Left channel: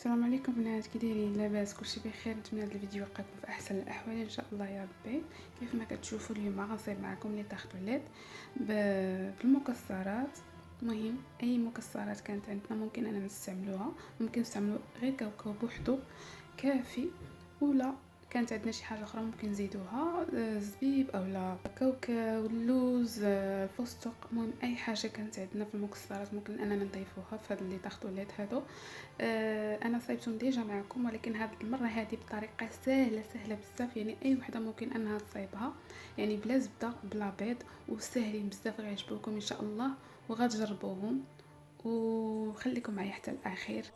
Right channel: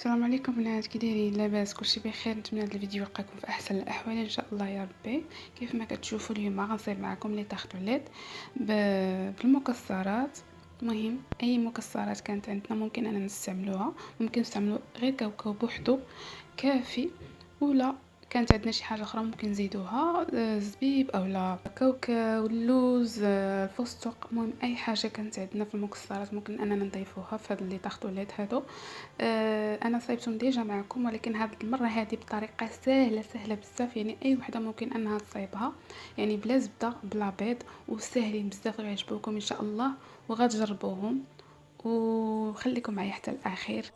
السلام عليكم بنات، كي دايرين؟ لاباس؟ كلشي بخير؟ نتمنى هذا الفيديو يلقاكم في احسن الاحوال ان شاء الله يا ربي. كيف ما كتشوفوا اليوم غنصايب معكم لي تارتوليت بالمكسرات. المهم اي مكسرات كانت عندنا ممكن اننا نستعملوها، ممكن نستعملوا غير كاوكاو بوحدو كافي، ولا كانت عندنا شي حاجه اخرى ممكن نزيدوها، زبيب اولا كاوكاو، اللوز، الفستق. المهم اي حاجه كانت عندنا في المكسرات ممكن اننا نضيفوها في هاد لي تارتوليت هادو. انا صايبتهم ديجا معكم، ولكن هذه المره هذه بطريقه سهله بزاف، يعني اي وحده ممكن انها تصايبها، يعني بلا زبده بلا بيض، وساهلين بزاف، غيعجبوكم ان شاء الله وغتجربوهم. وخليكم معايا حتى الاخير.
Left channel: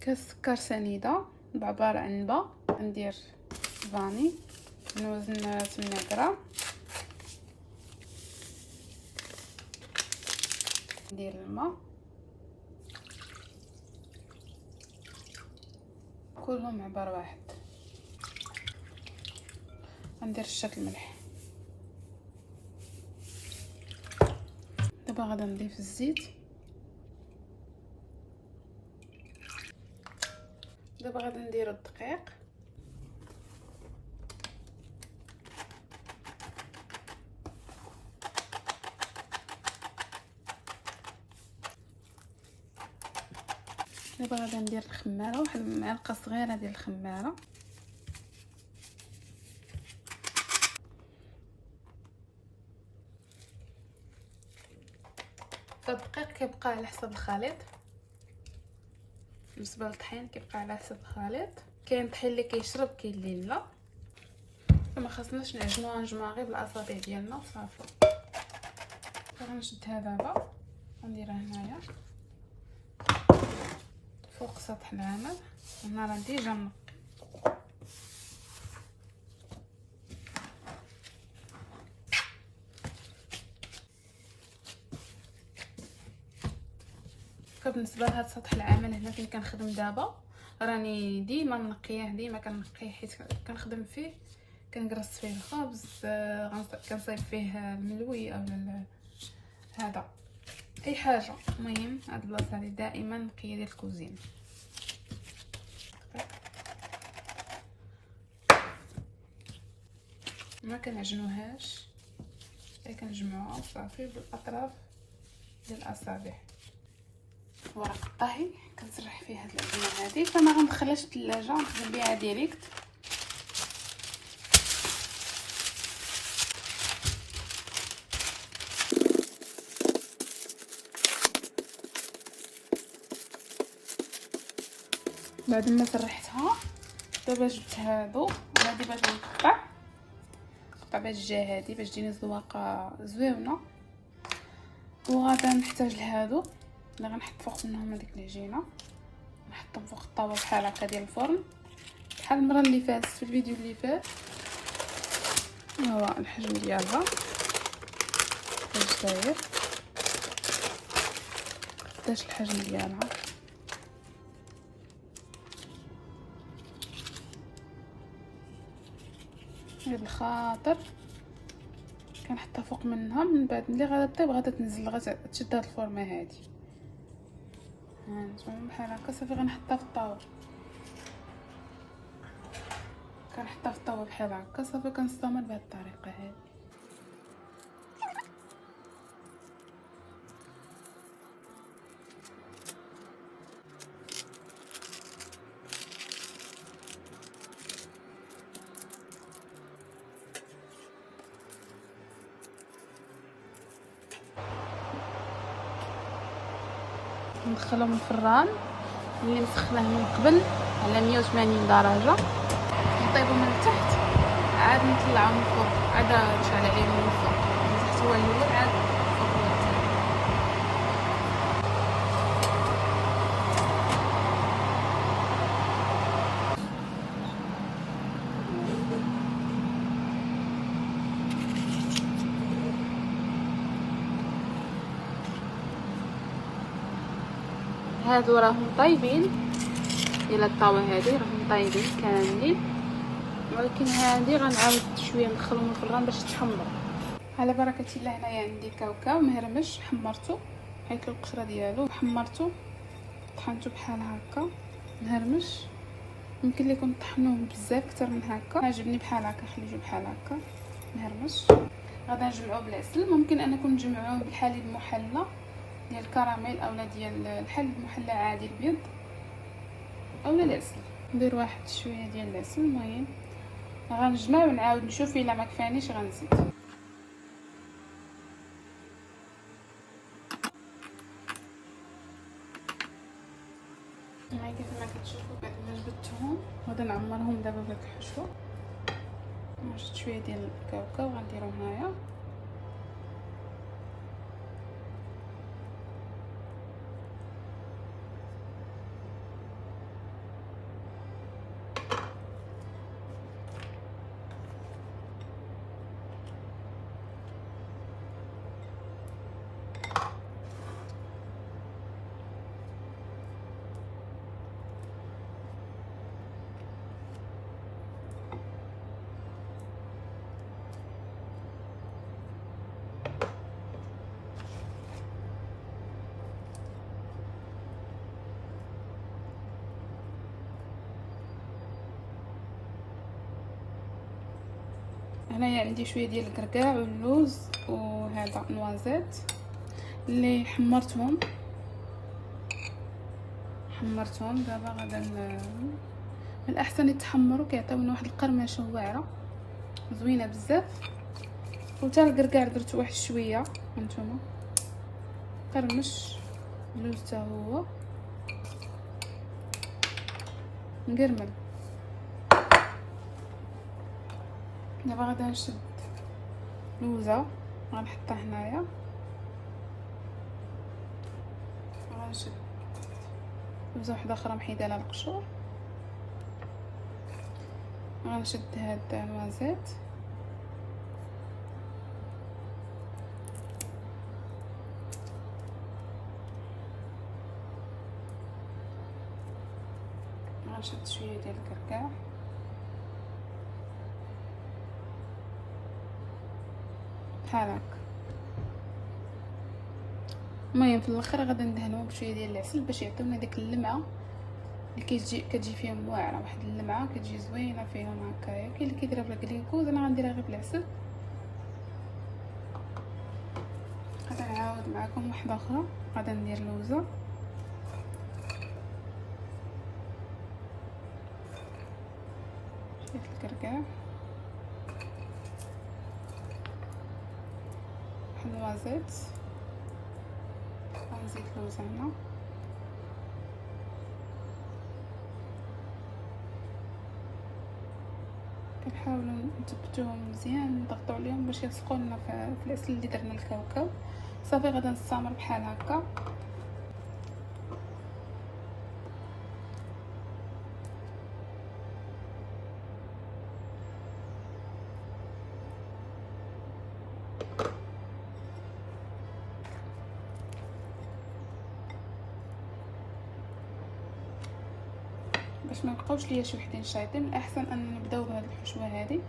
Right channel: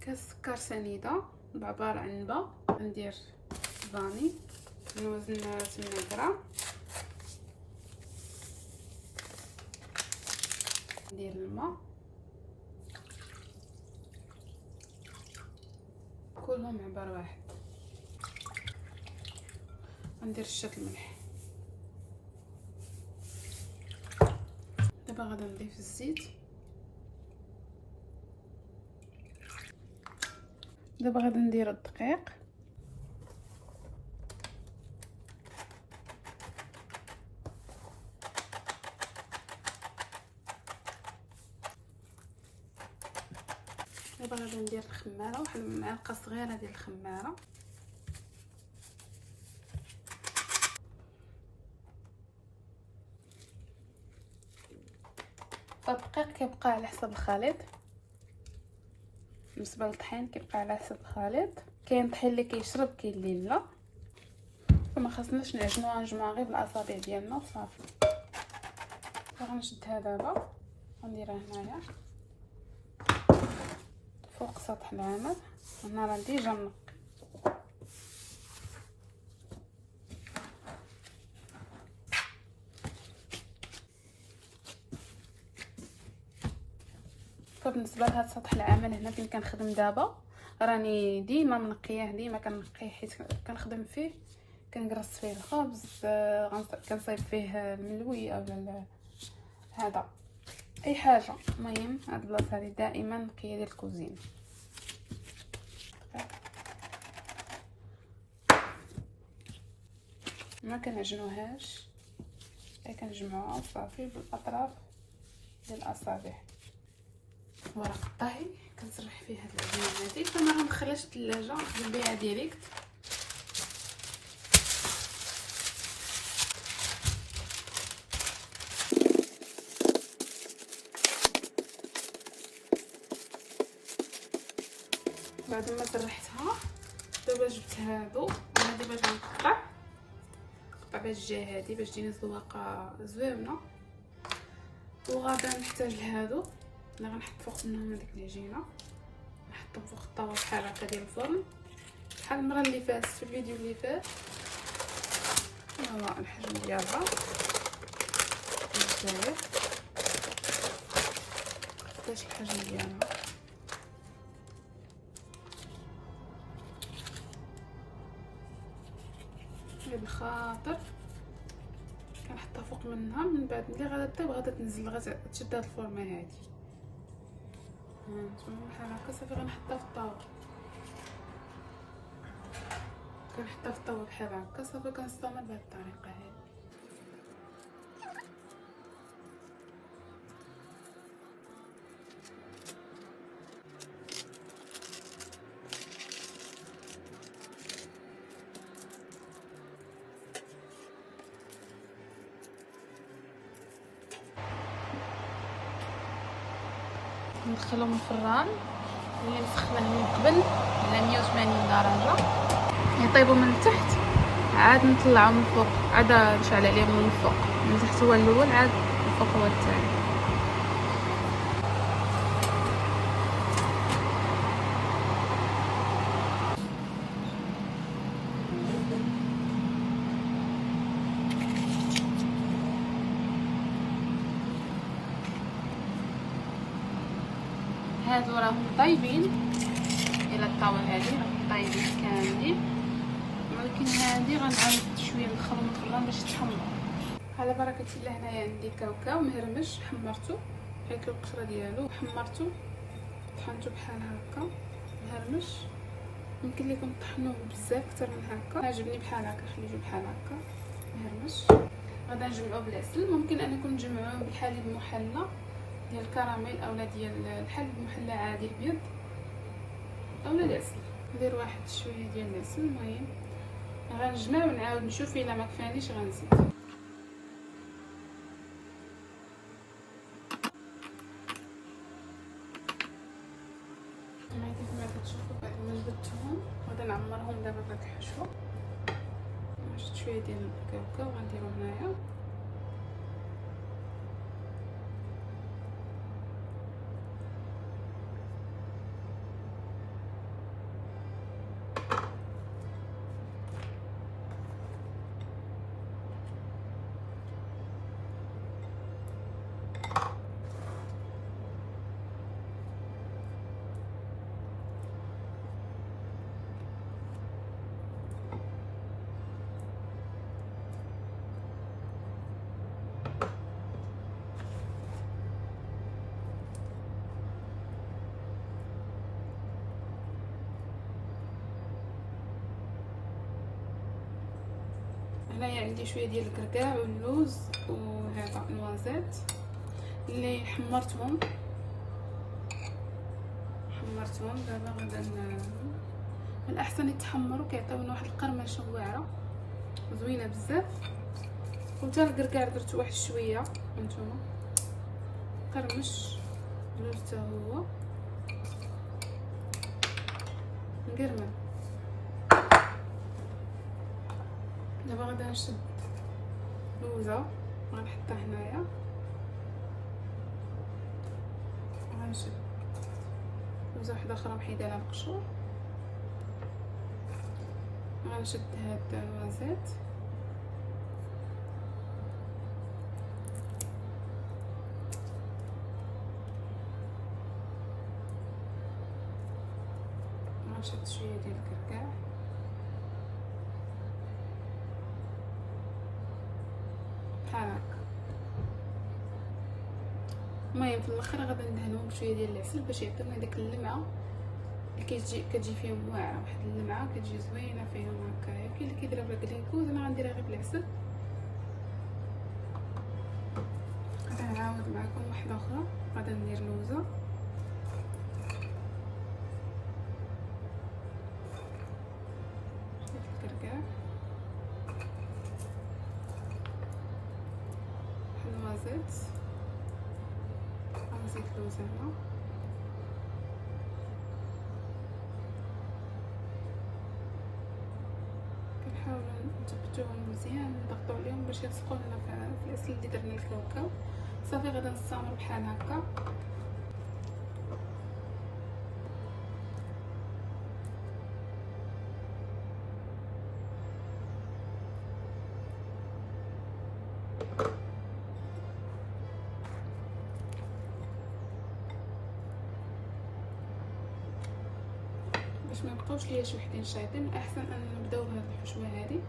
كاس سكر سنيده بعبار عنبه، ندير فاني، نوزن 8 غرام، ندير الماء كلهم عبار واحد، ندير رشه الملح. دابا غادا نضيف الزيت. دابا غادا ندير الدقيق. دابا غادا ندير الخماره، واحد المعلقه صغيره ديال الخماره. الدقيق كيبقى على حسب الخليط، بالنسبه للطحين كيبقى على حسب الخليط. كاين طحين اللي كيشرب، كاين اللي لا، فما خاصناش نعجنوها، نجمعوها غير بالاصابع ديالنا وصافي. غنشدها دابا، غنديرها هنايا فوق سطح العمل. هنا راه ديجا منقي. بالنسبه لهاد سطح العمل هنا فين كنخدم دابا، راني ديما منقيه، ديما كنقيه حيت كنخدم فيه، كنقرص فيه الخبز، كنصايب فيه الملوي او هذا اي حاجه. المهم هاد البلاصه هذه دائما نقيه ديال الكوزينه. ما كنعجنوهاش، كنجمعوها صافي بالاطراف ديال الاصابع. ورق الطهي كنسرح فيه هاد العجينه هذه، فما غندخلهاش الثلاجه، نخدم بها ديريكت. بعد ما سرحتها دابا جبت هادو، هادي باش نقطع باش الجهه هادي باش تجيني زواقه زوينه. وغادا نحتاج لهادو اللي غنحط فوق منهم هذيك العجينه، نحطهم فوق الطاوه بحال هكا ديال الفرن، بحال المره اللي فاتت في الفيديو اللي فات. هو الحجم ديالها واش داير، قداش الحجم ديالها. هاد الخاطر كنحطها فوق منهم، من بعد ملي غادا طيب غادا تنزل، غادا تشد هاد الفورمه هادي. نتوما بحال هكا صافي. غنحطها في الطاوه، كنحطها في الطاوه بحال هكا صافي. كنستمر بهاد الطريقه هادي. ندخلهم الفران اللي مسخناه من قبل على 180 درجه، يطيبوا من تحت، عاد نطلعهم من فوق، عاد نشعل عليهم من فوق. من تحت هو الاول، عاد الفوق هو الثاني. هادو راهم طايبين الى الطاوه هذه راهم طايبين كاملين، ولكن هذه غنعاود شويه ندخلهم الفران باش يتحمروا. على بركه الله. هنايا عندي كاوكاو مهرمش حمرته، حيت القشره ديالو حمرته طحنته بحال هكا مهرمش. يمكن لكم طحنوه بزاف اكثر من هكا، عجبني بحال هكا، خليوه بحال هكا مهرمش. غادا نجمعوه بالعسل، ممكن انكم تجمعوه بالحليب محلى ديال الكراميل اولا ديال الحليب محلى عادي البيض اولا العسل. ندير واحد شويه ديال العسل. المهم غنجمع ونعاود نشوف الا ما كفانيش غنزيد. كما كتشوفوا بعد ما جبدتهم غادي نعمرهم دابا بهاد الحشوه. شفت شويه ديال الكاوكاو غنديرو هنايا. هنايا عندي شويه ديال الكركاع واللوز وهذا نوازيت اللي حمرتهم. دابا غادا من الاحسن يتحمروا، كيعطيونا واحد القرمشه واعره زوينه بزاف. وتا الكركاع درت واحد شويه هانتوما قرمش، اللوز تا هو مقرمل. دابا غادا نشد لوزه غنحطها هنايا، غنشد لوزه وحده اخرى محيده لها القشور، غنشد هاد النوازيت غنشد شويه ديال الكركاع بحال هكا. المهم في الاخر غادي ندهنوه بشويه ديال العسل باش يعطيونا ديك اللمعه اللي كتجي فيهم واعره، واحد اللمعه كتجي زوينه فيهم هكايا. كاين اللي كيديرها بلا كلينكوز، انا غنديرها غير بالعسل. غادي نعاود معكم واحده اخرى. غادي ندير لوزه شويه الكركاع النوازيت، غنزيد لوزه هنا، كنحاولوا نثبتوهم مزيان نضغطوا عليهم باش يلصقوا لنا في العسل اللي درنا الكاوكاو. صافي غادي نستمر بحال هكا. باش ما يبقاوش ليا شي وحدين شايطين، الاحسن ان نبداو بهاد الحشوه هذه.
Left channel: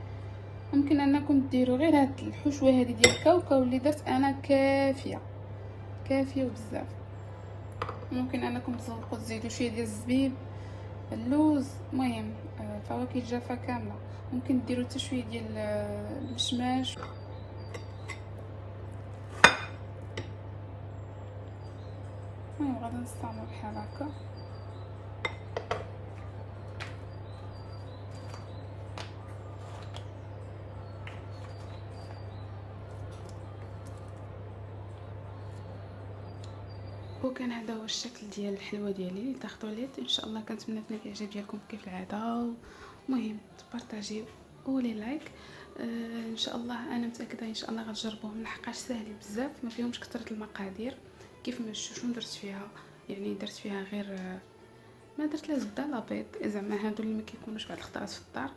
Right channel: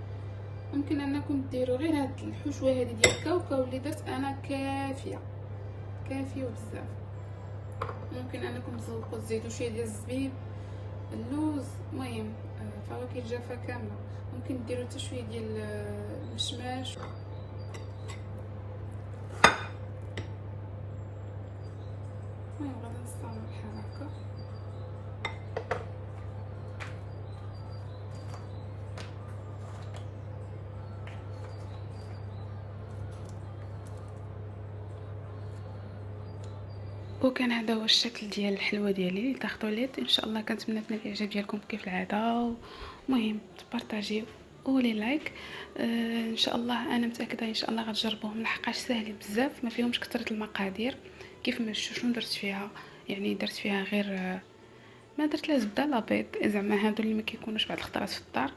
ممكن انكم ديروا غير هاد الحشوه هذه ديال الكاوكاو اللي درت انا كافيه وبزاف. ممكن انكم تزوقوا تزيدوا شويه ديال الزبيب، اللوز، المهم فواكه الجافه كامله. ممكن ديروا حتى شويه ديال الشماش. المهم غادي نستعمل بحال هكا. وكان هذا هو الشكل ديال الحلوه ديالي اللي تاخذوا ليت. ان شاء الله كنتمنى تنال الاعجاب ديالكم كيف العاده. المهم تبارطاجيو ولي لايك. ان شاء الله انا متاكده ان شاء الله غتجربوهم لحقاش ساهلين بزاف، ما فيهمش كثره المقادير. كيف ما شنو درت فيها، يعني درت فيها غير ما درت لا زبده لا بيض، زعما هادو اللي ما كيكونوش بعض الخطرات في الدار.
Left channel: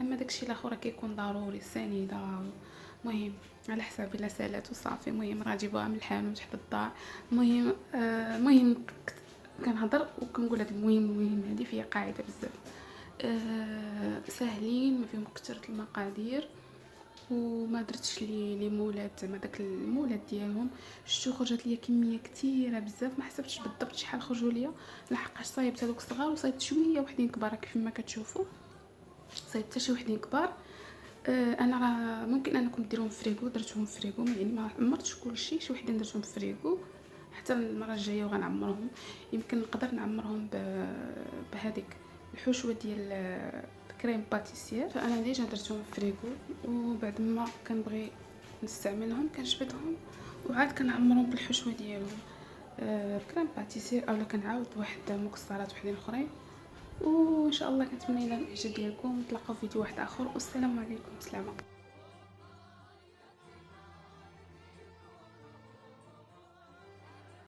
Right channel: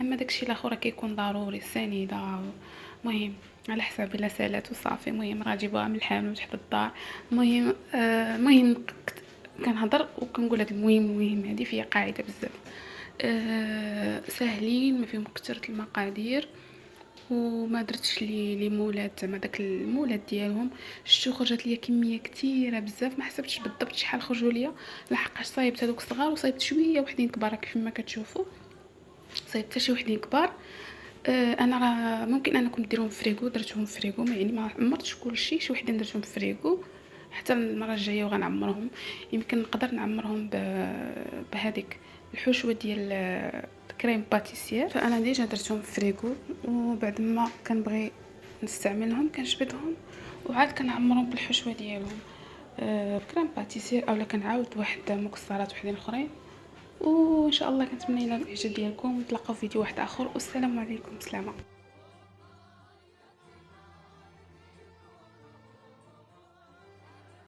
اما داكشي الاخر كيكون ضروري، السنيده. المهم على حساب الا سالات وصافي. المهم راه جيبوها من الحانوت حدا الدار. المهم كنهضر وكنقول هاد المهم هادي فيها قاعده بزاف. ساهلين، ما فيهم كثرة المقادير، وما درتش لي مولات زعما داك المولات ديالهم. شتو خرجت ليا كميه كثيره بزاف، ما حسبتش بالضبط شحال خرجوا ليا، لحقاش صايبت هذوك الصغار وصايبت شويه وحدين كبار كيف ما كتشوفوا. صايبت حتى شي وحدين كبار. انا راه ممكن انا كنت نديرهم في فريغو، درتهم في فريغو، يعني ما عمرتش كلشي، شي وحدين درتهم في فريغو. حتى المره الجايه وغنعمرهم. يمكن نقدر نعمرهم بهذيك الحشوه ديال كريم باتيسير. فانا ديجا درتهم في فريغو، وبعد ما كنبغي نستعملهم كنجبدهم وعاد كنعمرهم بالحشوه ديالهم بكريم باتيسير، اولا كنعاود واحد مكسرات وحدين اخرين. وان شاء الله كنتمنى ينال الاعجاب ديالكم، نتلاقاو في فيديو واحد اخر، والسلام عليكم. سلامه.